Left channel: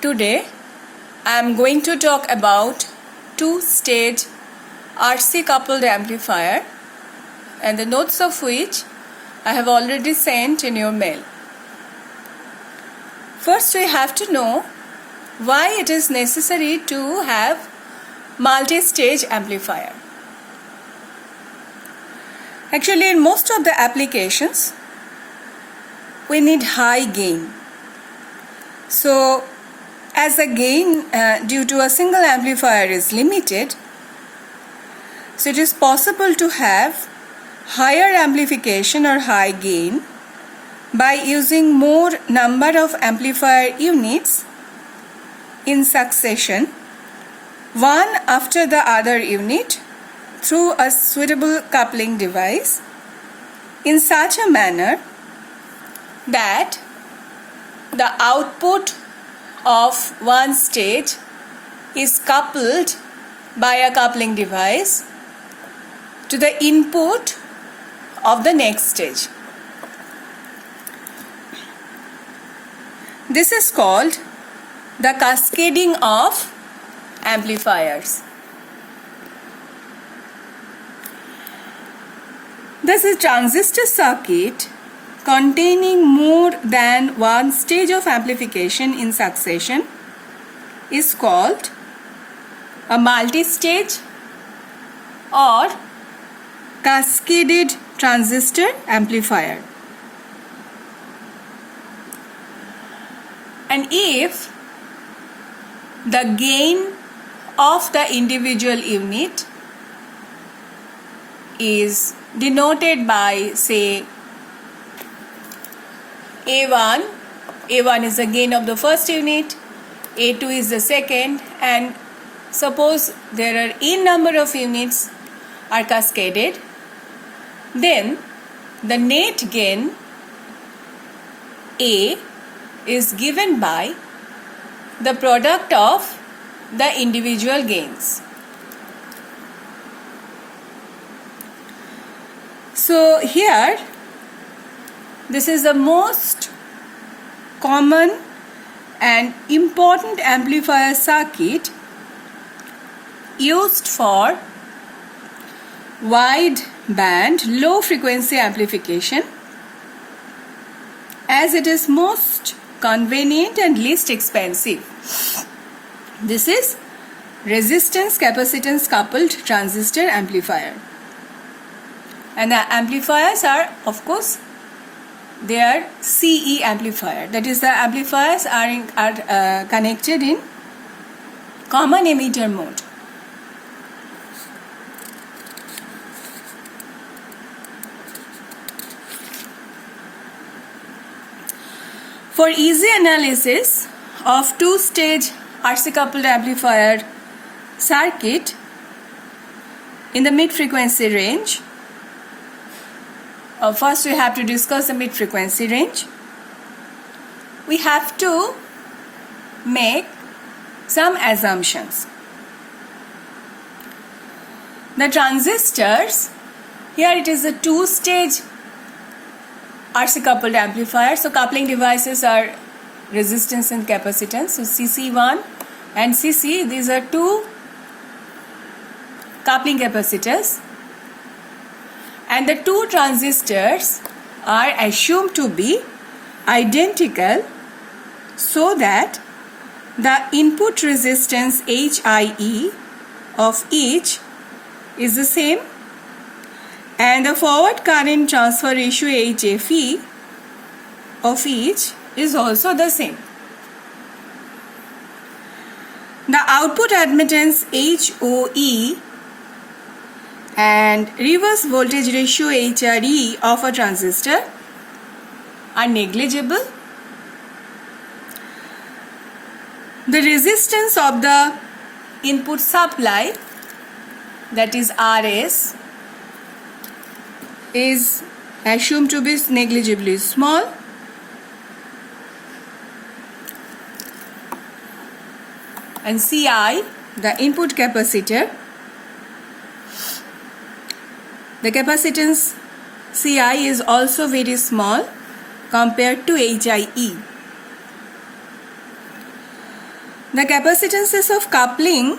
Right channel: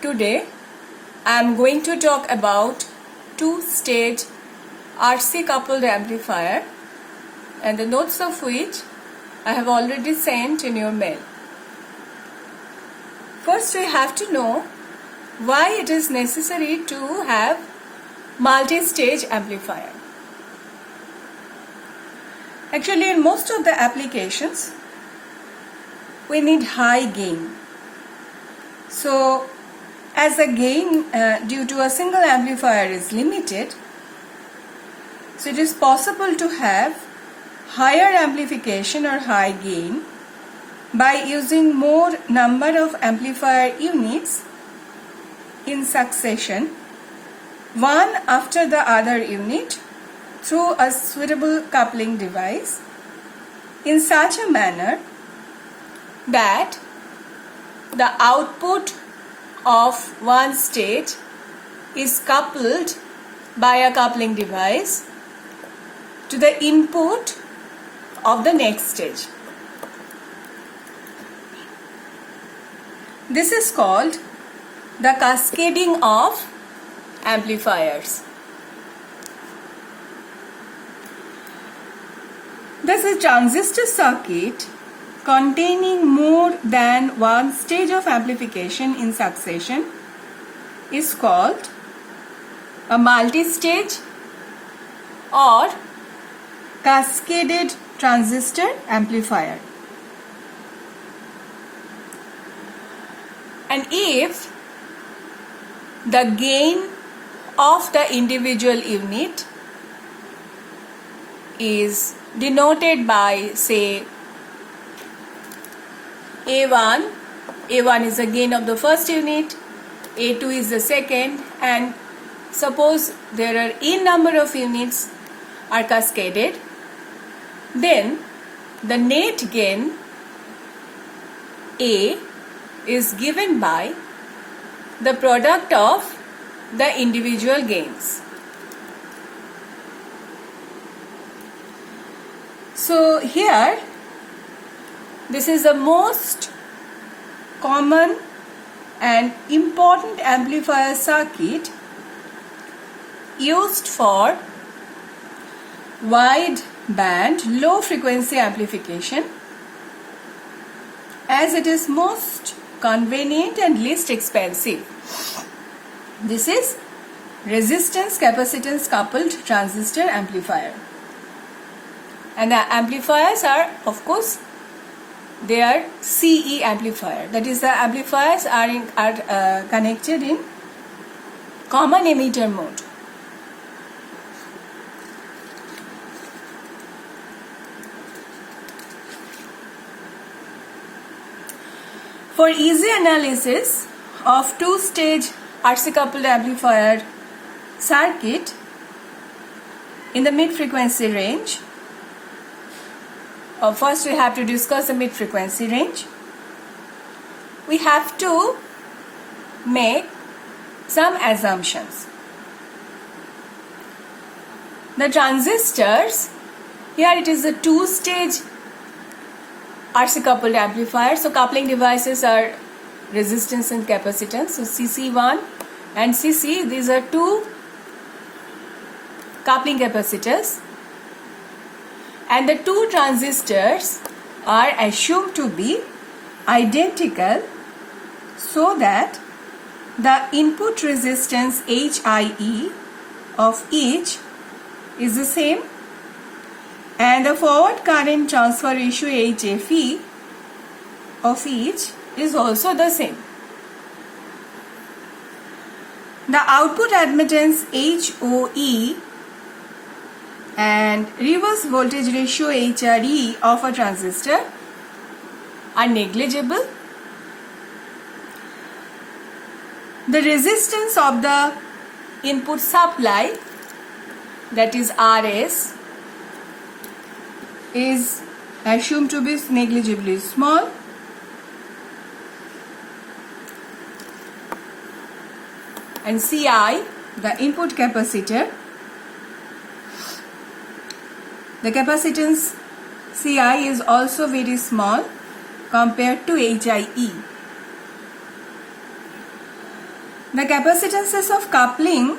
Today I am going to talk about two-stage RC coupled amplifier and the notes of which I have already sent in your mail. First we have to know why it is necessary to have multi-stage amplifier. Actually, in most of the applications we need high gain. So as the gain due to a single amplifier is limited, so it is possible to have higher amplification or high gain by using more number of amplifier units in succession, one after the other unit, through a suitable coupling device in such a manner that the output of one stage is coupled by a coupling device to the input of the next stage. This is called the cascading of amplifiers. This is transistor circuit containing more than one stage of amplification in succession is called a multi-stage or cascaded transistor amplifier. And if the gain of the individual unit is denoted by, say, A1, A1 is the gain of the first unit, A2 is the second, and suppose there are n number of units are cascaded, then the net gain A is given by the product of the individual gains. So here, this is the most common and important amplifier circuit used for wide band low frequency amplification, as it is most convenient and least expensive. This is resistance capacitance coupled transistor amplifier. And the amplifiers are, of course, they are CE amplifier. That is, the amplifiers are connected in common emitter mode. For easy analysis of two-stage RC coupled amplifier circuit in the mid-frequency range, first we have to discuss the mid-frequency range. We have to make some assumptions. The transistors, here it is a two-stage RC coupled amplifier. So coupling devices are resistance and capacitance. So CC1 and CC, these are two coupling capacitors. And the two transistors are assumed to be identical so that the input resistance HIE of each is the same and the forward current transfer ratio HFE of each is also the same. The output admittance HOE and reverse voltage ratio HRE of a transistor are negligible. The resistance of the input supply, that is RS, is assumed to be negligibly small. And CI, the input capacitor, the capacitance CI is also very small compared to HIE. the capacitances of coupling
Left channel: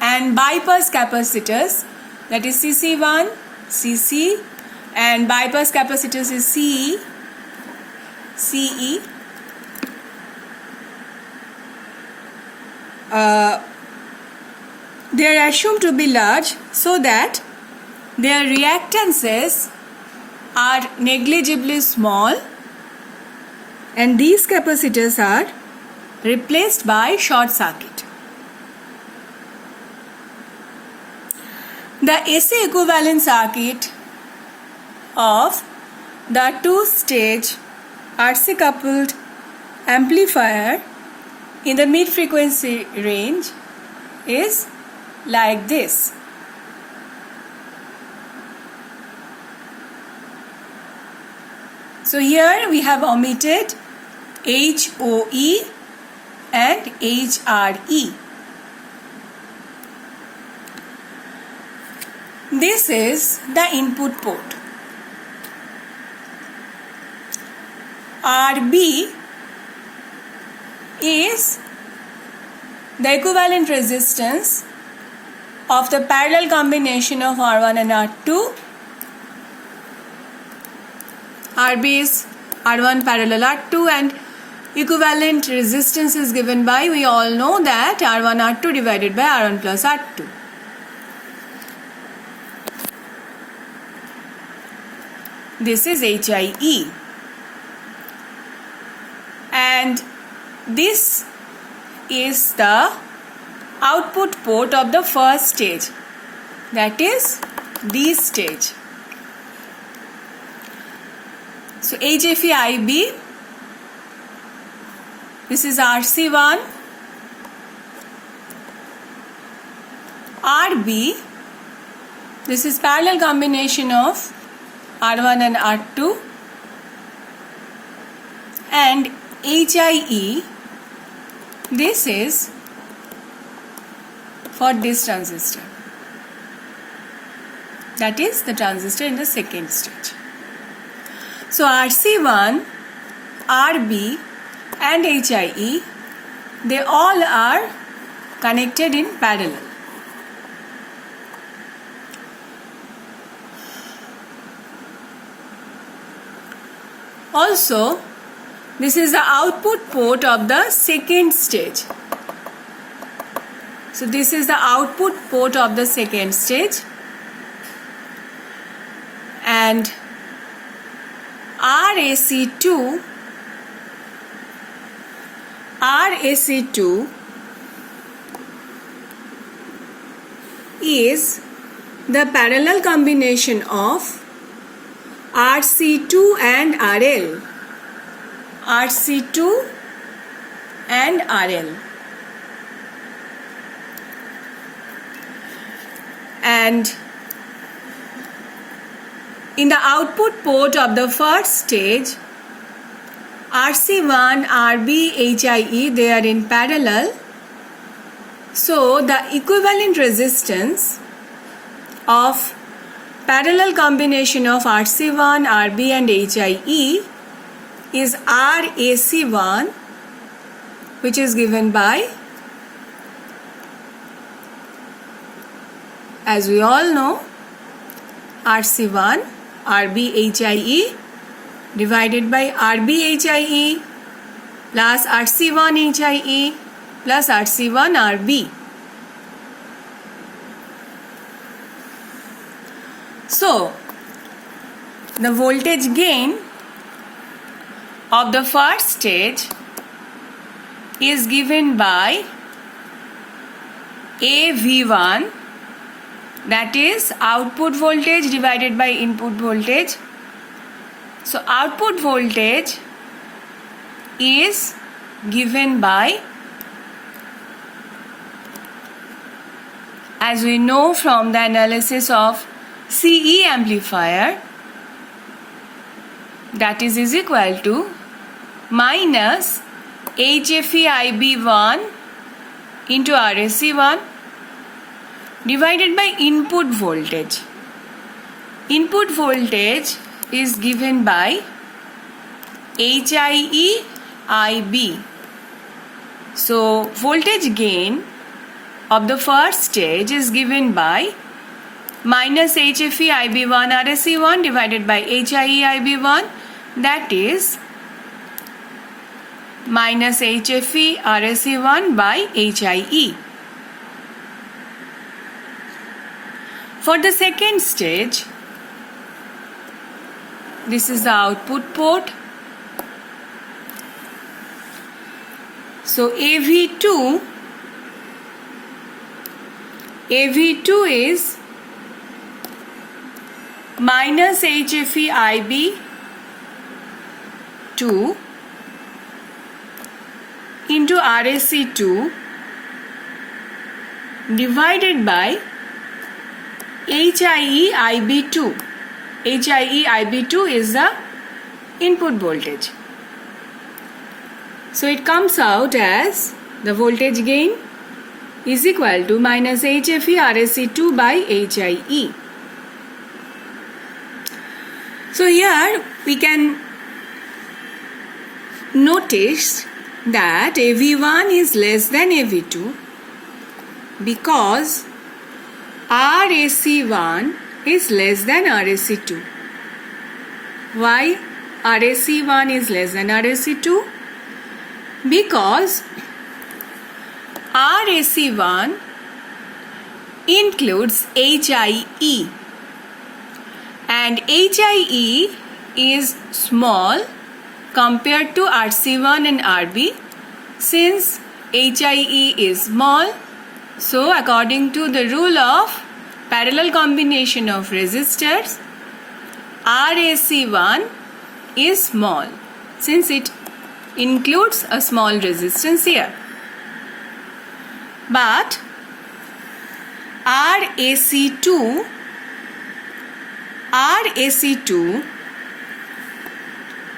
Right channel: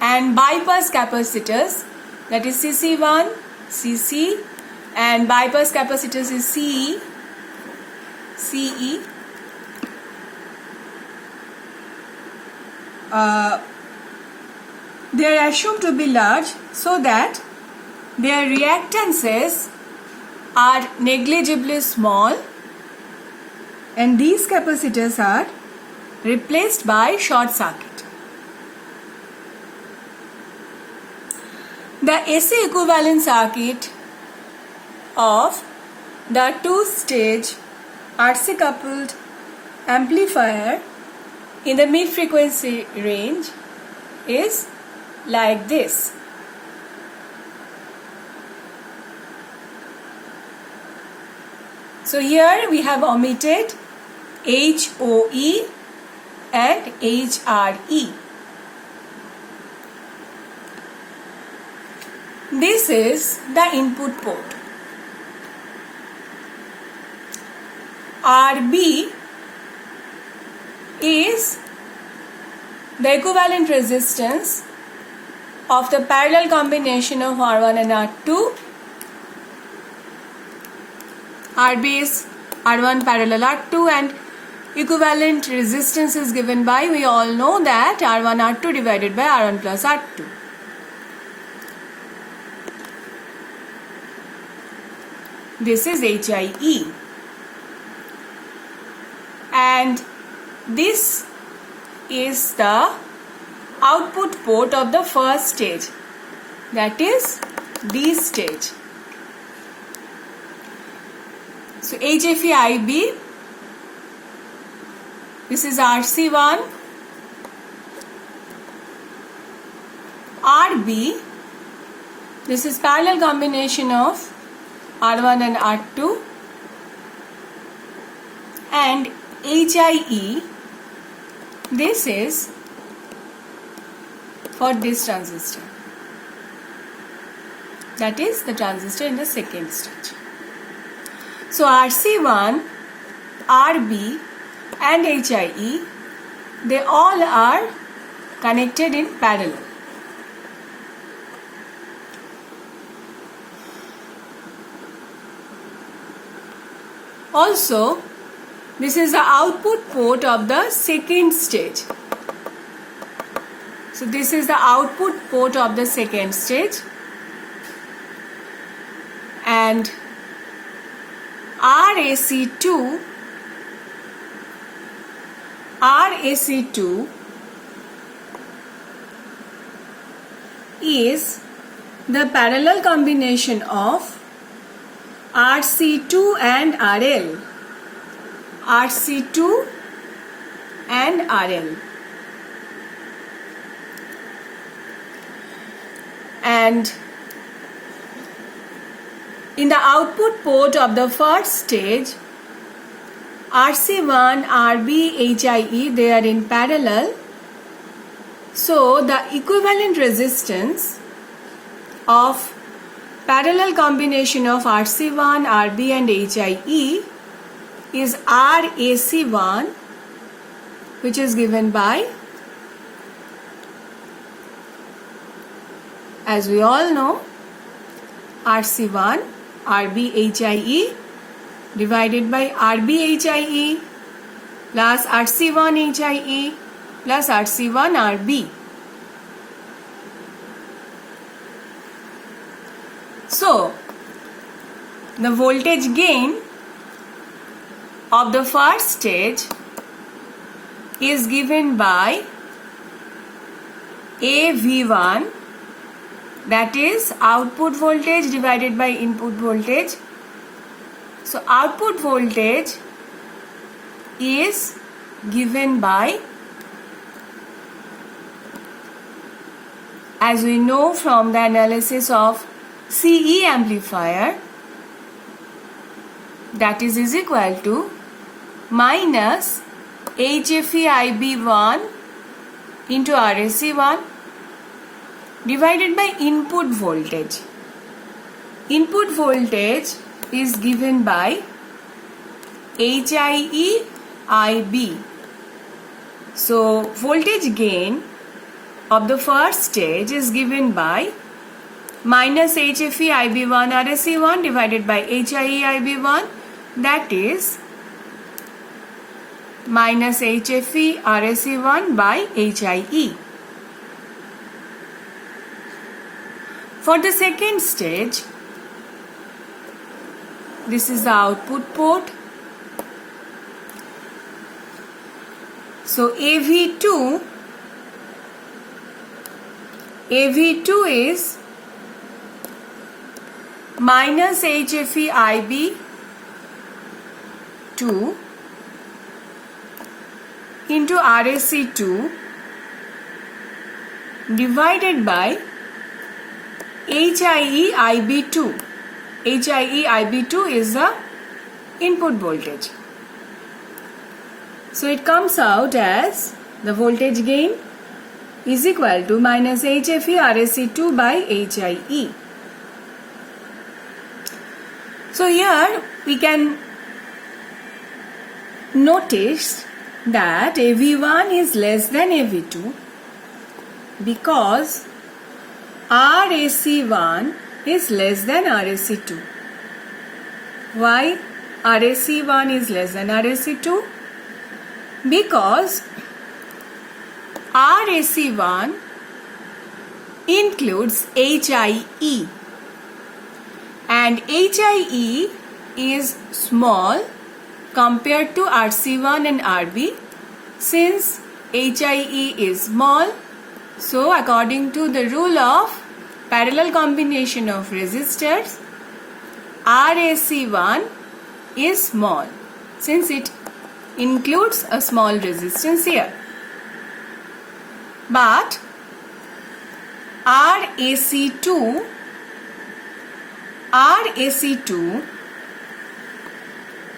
and bypass capacitors, that is CC1, CC, and bypass capacitors is CE, CE. They are assumed to be large so that their reactances are negligibly small, and these capacitors are replaced by short circuit. The AC equivalent circuit of the two-stage RC coupled amplifier in the mid-frequency range is like this. So here we have omitted HOE and HRE. This is the input port. RB is the equivalent resistance of the parallel combination of R1 and R2. RB is R1 parallel R2, and equivalent resistance is given by, we all know that, R1 R2 divided by R1 plus R2. This is HIE, and this is the output port of the first stage, that is this stage. So HFE IB, this is RC1, RB, this is parallel combination of R1 and R2, and HIE, this is for this transistor, that is the transistor in the second stage. So RC1, RB and HIE, they all are connected in parallel. Also, this is the output port of the second stage. So this is the output port of the second stage, and RAC2 is the parallel combination of RC2 and RL. RC2 and RL. And in the output port of the first stage, RC1, RB, HIE, they are in parallel. So the equivalent resistance of parallel combination of RC1, RB and HIE is RAC1, which is given by, as we all know, RC1, RB, HIE divided by RB, HIE plus RC1, HIE plus RC1, RB. So, the voltage gain of the first stage is given by AV1, that is output voltage divided by input voltage. So output voltage is given by, as we know from the analysis of CE amplifier, that is equal to minus HFE IB1 into RAC1 divided by input voltage. Input voltage is given by HIE IB. So voltage gain of the first stage is given by minus HFE IB1 RSE1 divided by HIE IB1, that is minus HFE RSE1 by HIE. For the second stage, this is the output port. So AV2 is minus HFE IB2 into RSE2 divided by HIE IB2. HIE IB2 is the input voltage. So it comes out as the voltage gain is equal to minus HFE RSE2 by HIE. So here we can notice that AV1 is less than AV2 because RSE1 is less than RSE2. Why RSE1 is less than RSE2? Because RSE1 includes HIE and HIE is small compared to RC1 and RB. Since HIE is small, so according to the rule of parallel combination of resistors, RSE1 is small since it includes a small resistance here. But RSE2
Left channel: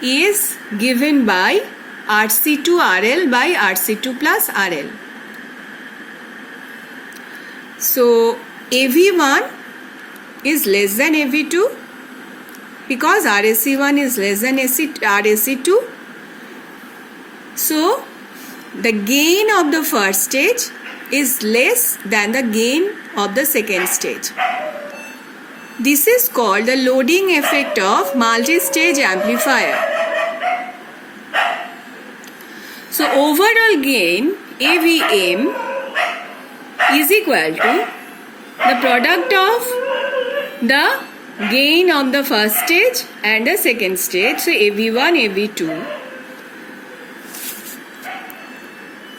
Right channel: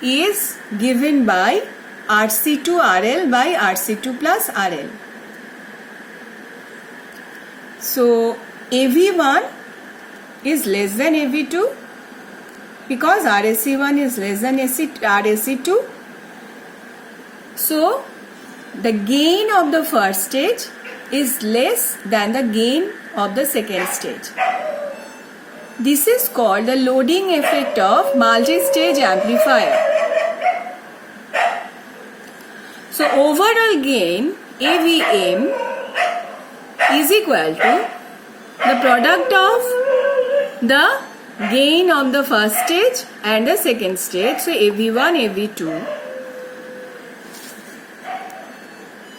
is given by RC2RL by RC2 plus RL. So AV1 is less than AV2 because RSE1 is less than RSE2. So the gain of the first stage is less than the gain of the second stage. This is called the loading effect of multi-stage amplifier. So overall gain AVM is equal to the product of the gain of the first stage and the second stage. So AV1, AV2.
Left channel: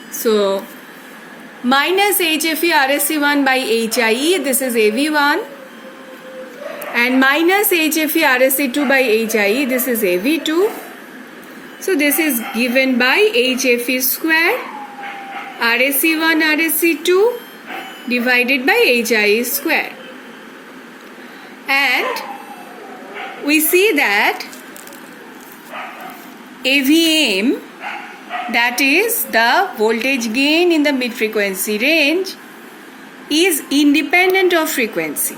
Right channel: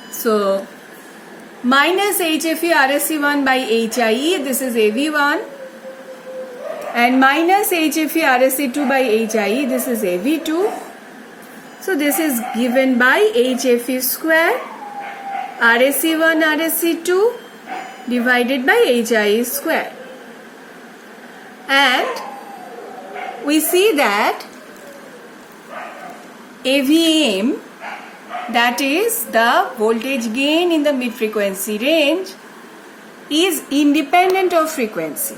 So minus HFE RSE1 by HIE, this is AV1, and minus HFE RSE2 by HIE, this is AV2. So this is given by HFE square RSE1 RSE2 divided by HIE square. And we see that AVM, that is the voltage gain in the mid-frequency range, is independent of frequency.